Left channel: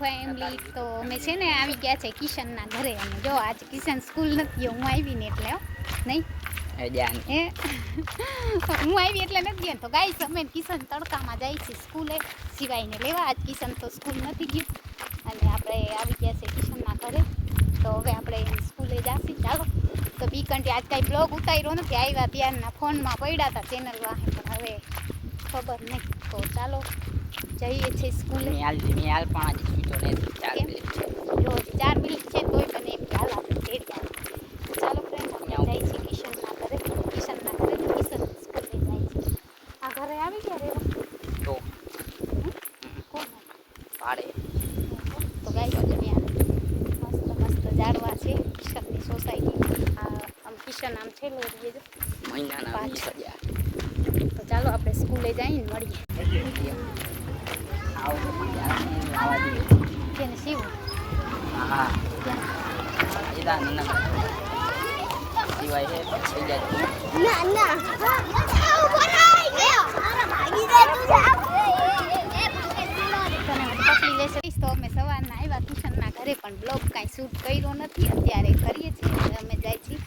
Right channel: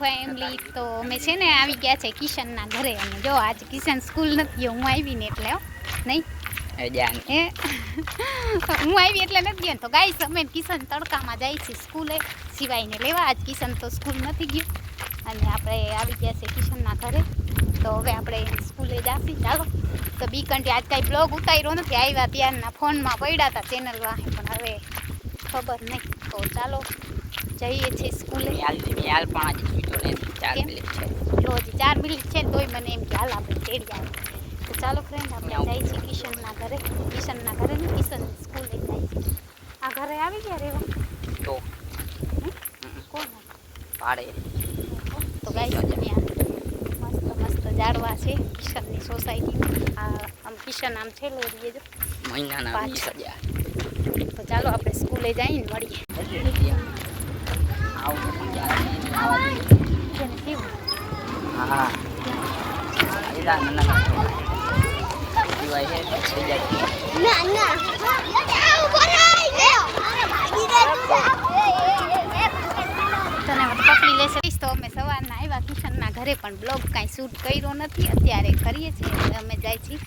Family. તો અમે છે ને આવી ગયા છે કિશનના ઘરે. અને જો આજે કિશન સ્કૂલ નથી ગયો, હું આવીને એટલે નહીં હું આવી એટલે નથી ગયો. તો ગાઈસ અમે કિશન તડકામાં જાય છે સ્કૂલે સિવાયને લેવા. આજ કિશન તો સ્કૂલ નથી ગયું અને આપણે આવી ગયા છે કિશનના ઘરે. તો હવે આપણે સ્કૂલે જાશી. ચાલો. તો બી કંટી આજ કાંઈ બ્લોગ ઉતાર્યો નથી, આવ્યા ત્યારના ફોનમાં પડ્યા હતા ચેનલ વાહે, પણ હવે ખબર નહીં. તો ચાલો જઈએ છીએ સ્કૂલે. લો હજી 4 મિનિટ છે તોય મને એમ કે હાલ આપણે તેડી આવે. તો ચાલો ફ્રેન્ડ આપણે જઈએ છીએ કિશનના ઘરે. કિશનના ઘરે ને કિશન સ્કૂલે જાય છે. આ ઘરે આવી ગયા રેવા તો કોણ પાડે. તો ગાઈસ ત્યાં મસ્ત મસ્ત ઝાડવા છે કિશનની સોસાયટીમાં. આમ કિશન આમ છેલ્લો રહીએ જો મહિનાના 20,000. તો ચાલો આપણે સ્કૂલે જઈને મળીએ. હા તને પકડી લેશે. તો અમે સવારના આવ્યા કિશનના ઘરે, પણ બ્લોગ કાંઈ શૂટ કર્યો નથી. અત્યારે કરીએ છીએ અમે જાય છીએ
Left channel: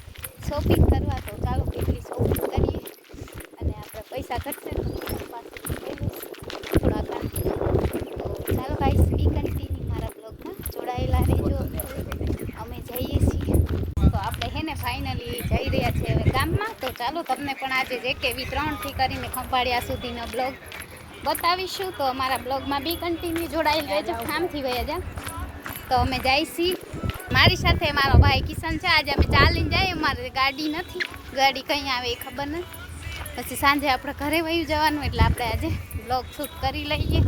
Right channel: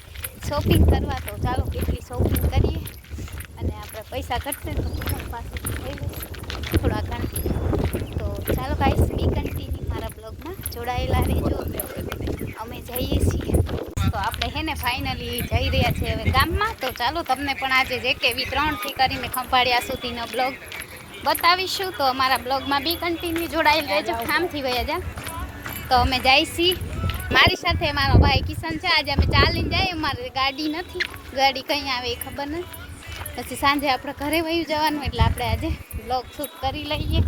શોપિંગ કરવા. તો ચાલો કેટલી શોપિંગ કરીએ અને આપણે પૈસા ઘટશે ને કિશન પાસેથી લઈ લઈશું થોડા ઘણા. તો ચાલો ગાઈસ બી કન્ટિન્યુ મારા બ્લોગમાં જોડાયેલા રહેજો. અમે જઈએ છીએ. તો આપણે હે ને ફાઇનલી જઈ રહ્યા છીએ હવે ગામમાં. તો ચાલો તમને પણ આજે જે કેવી 3 થી કરીને ખંભાળિયા સુધીનો બ્લોગ બતાવીશું. તો અમારા બ્લોગમાં બી કન્ટિન્યુ જોડાયેલ રહેજો. કામથી વયા જા. તો અમે જઈએ છીએ. મારી સાથે મારો ભાઈ કિશન છે. આજે અમે ચાલીને જઈએ, અમારે ગાડી નથી. ગાડી કઈ આવે એ ખબર નથી. પછી સાંજે આપણે ઘરે વયું જવાનું, એટલે આપણે આજે બ્લોગ શૂટ કરી લઈએ.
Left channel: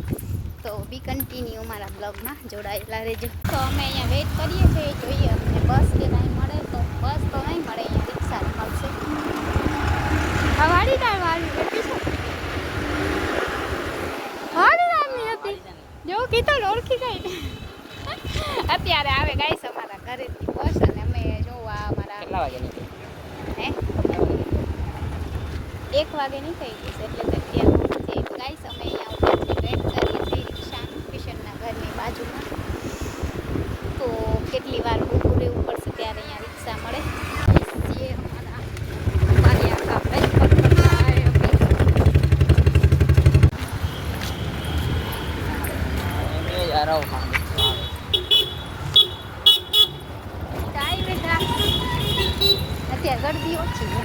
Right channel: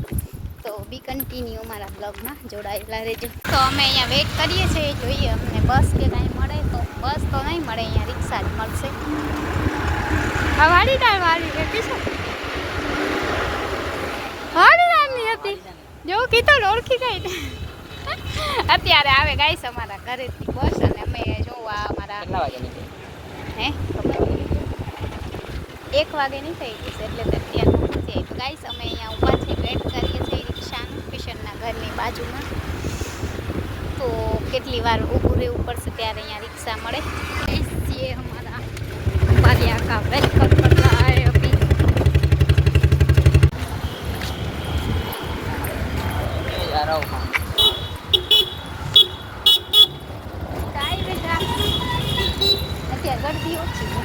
તો બી કન્ટિન્યુ અમારા બ્લોગમાં જોડાયેલા રહેજો. તો અમે અહીંયા વેઇટ કરીએ છીએ, જોઈએ અમને બસ કે કાંઈ મળે. તો બસ તો નહીં મળે, અહીંયા રિક્ષા જ મળશે. હા વાડીદાર વાળી હતી શું? વાડીદારની હતી જો કીધું ને ઓળખી ગઈ. અત્યારે આવે ગાઈસ અમારા ઘરેથી બસ. અને અમે જોવા અમારા હે ખબર 1 વાગે નીકળી ગઈ છે, એટલે તો અત્યારે છે. તો ગાઈસ અમે અહીંયા ઉપરથી વેટ કરીએ છીએ રિક્ષાનું કિશનના ઘરની બાજુમાં. તો કેટલી વાર ઊભું રહેવું પડશે ત્યારે અહીંયા રિક્ષા મળે. ગાઈસ ये हमारा खंभालिया का वेलकम करता है अभी. અત્યારે ગરદી ઓછી છે.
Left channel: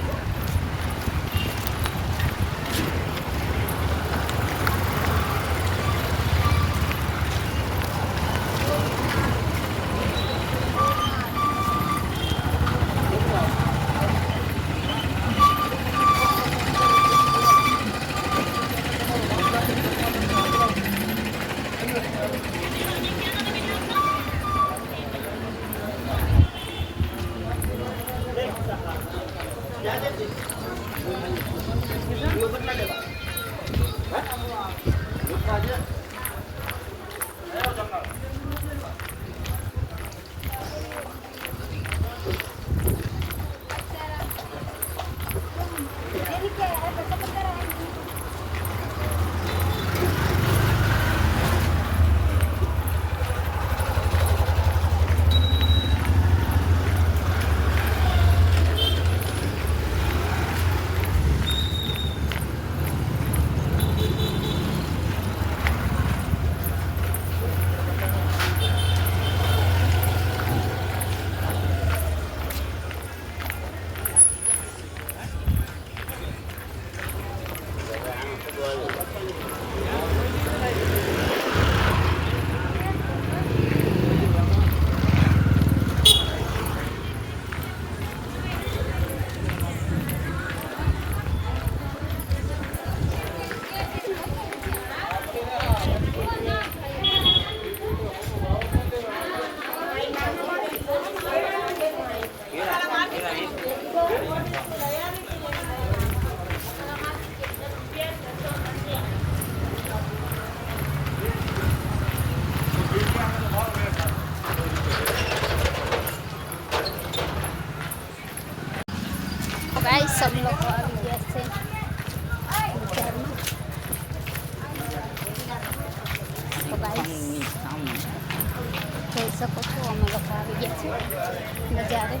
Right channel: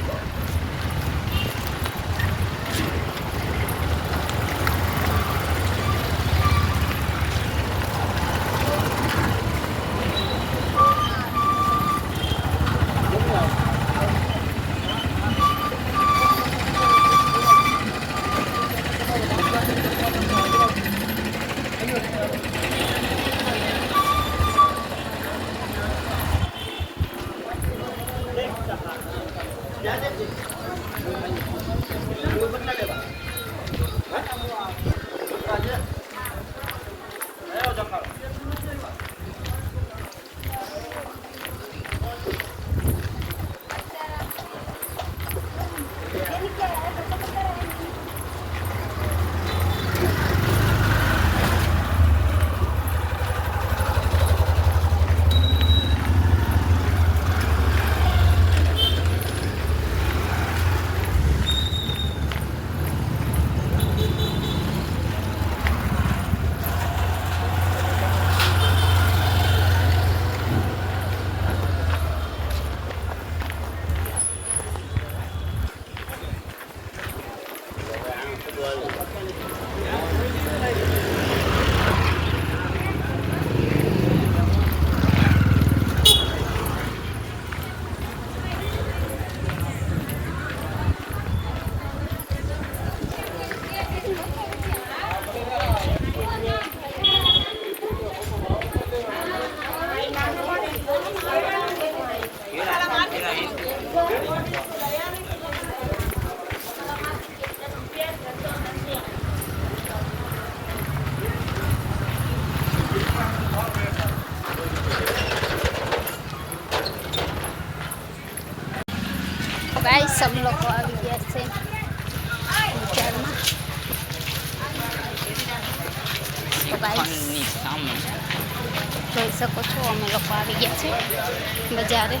गाइस सब लोग આવી ગયા છે બજારમાં. તો ગાइस શકો છો અમે લોકો આવી ગયા છે બજારે.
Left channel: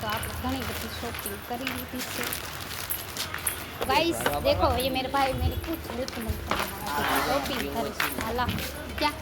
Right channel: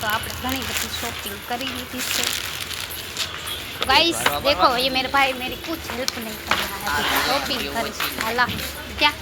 तो आप घनी बड़ी शॉपिंग करी ली थी. गाइस देखो ये मेरे भाई मेरी कुछ हेल्प नहीं कर रहा है, शॉपिंग करी हाला क्या.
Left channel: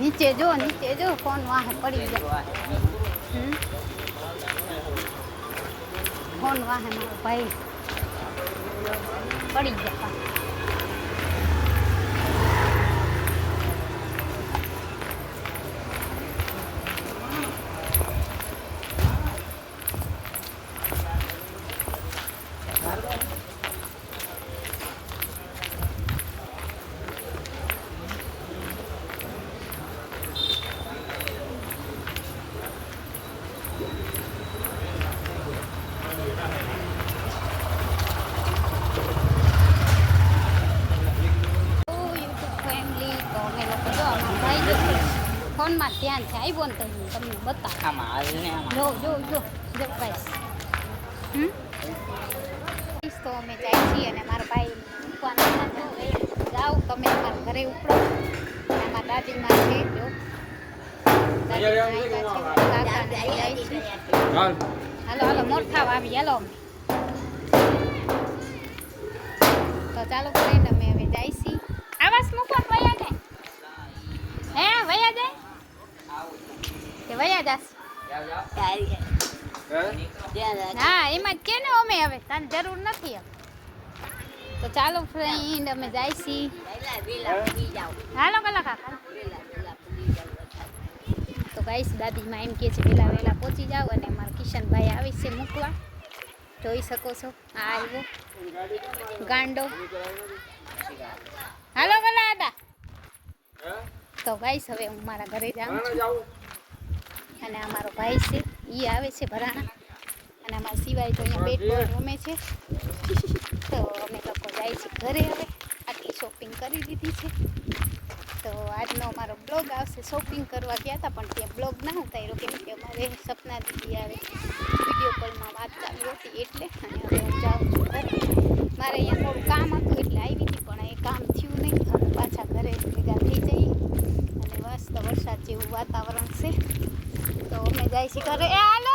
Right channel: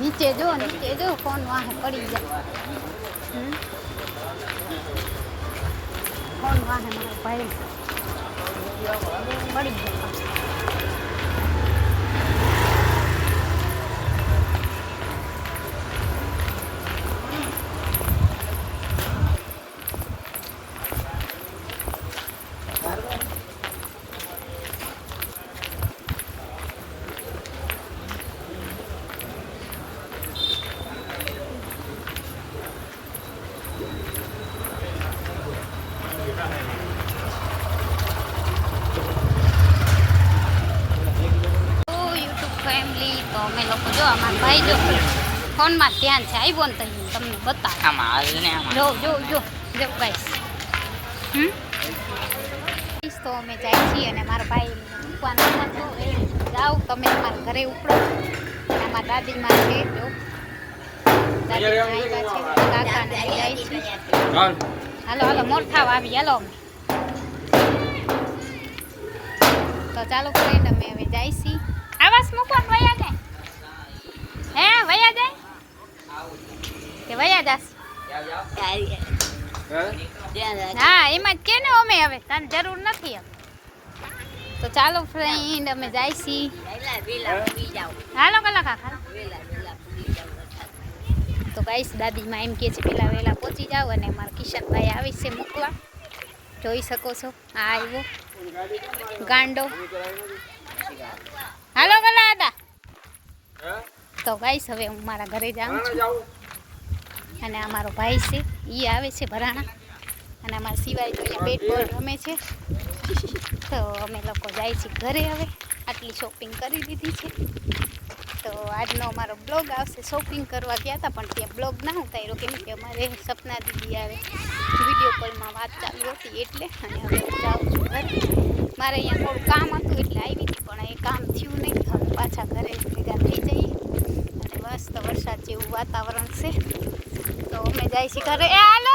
नीचे जो फोन वहाँ पड़ी जाए. फोन वहाँ है मारो भाई पड़ी जाता. તો અમે લોકો જો અમારા ભાઈ જો ફોનમાં ધ્યાન છે આવ્યો ને તો તમને બતાવો. જો જો જો જો ગાઈસ. તો અમે જાય છીએ અને મારા ભાઈ મૂકવાનો હતો એ જાઓ તમે તમારા ઘરે ઉપડો. અને અમારા દાદીમાં છે જો દાદી કાકાને જાય છે. હાલો હાલો મોરથાવ આવી હાલો અમે. તો ચાલો ફ્રેન્ડ અમે હવે જાય છીએ. આવાસ મૂકવા વયા જાય હે વયા જાય કે વયા જાસ. હા એમાં જ કે ને અમે હવે તને જરૂર નથી હવે. તો ચાલો ફ્રેન્ડ અમે જાય છીએ. હાલો કલા કાકા. તો ગાઈસ દાદીમાં એમ કે છે પેલા વહેલા પહોંચી જાવ અને મારા કિશનભાઈ આવી છે મૂકવા. જોઈ શકો છો આ આવ્યો ગાંડો. હાલો કલા દાદા. તો ગાઈસ હવે હું મારા ઘરે જાઉં છું અને આ મારો ભાઈ છે એ આવે છે ભરાણા અને અમારા સિવાય તો અહીંયા બેટ બોલ રમે છે. તો અમે લોકો જાય છીએ ઘરે. હવે આટલી શોપિંગ કરી દીધી છે તો તો આજનો અમારો બ્લોગ આવશે. શોપિંગ કરવા ગયા હતા પણ ત્યાં બ્લોગ ના ઉતાર્યો કેમ કે અમારે સપના દીદી આવે વિડીયો કોલમાં વાત ચાલુ હતી એટલે. અને હવે હું જાઉં છું ઘરે. મારે અહીંયા થોડું કામ હતું એટલે આવી હતી પણ એ કામ થયું નહીં. હવે પાછા ઘરે ભેગા થઈ જઈએ અને મસ્ત વરસાદ જેવું વાતાવરણ છે તો અમે જાય છીએ ઘરે. એ હાલો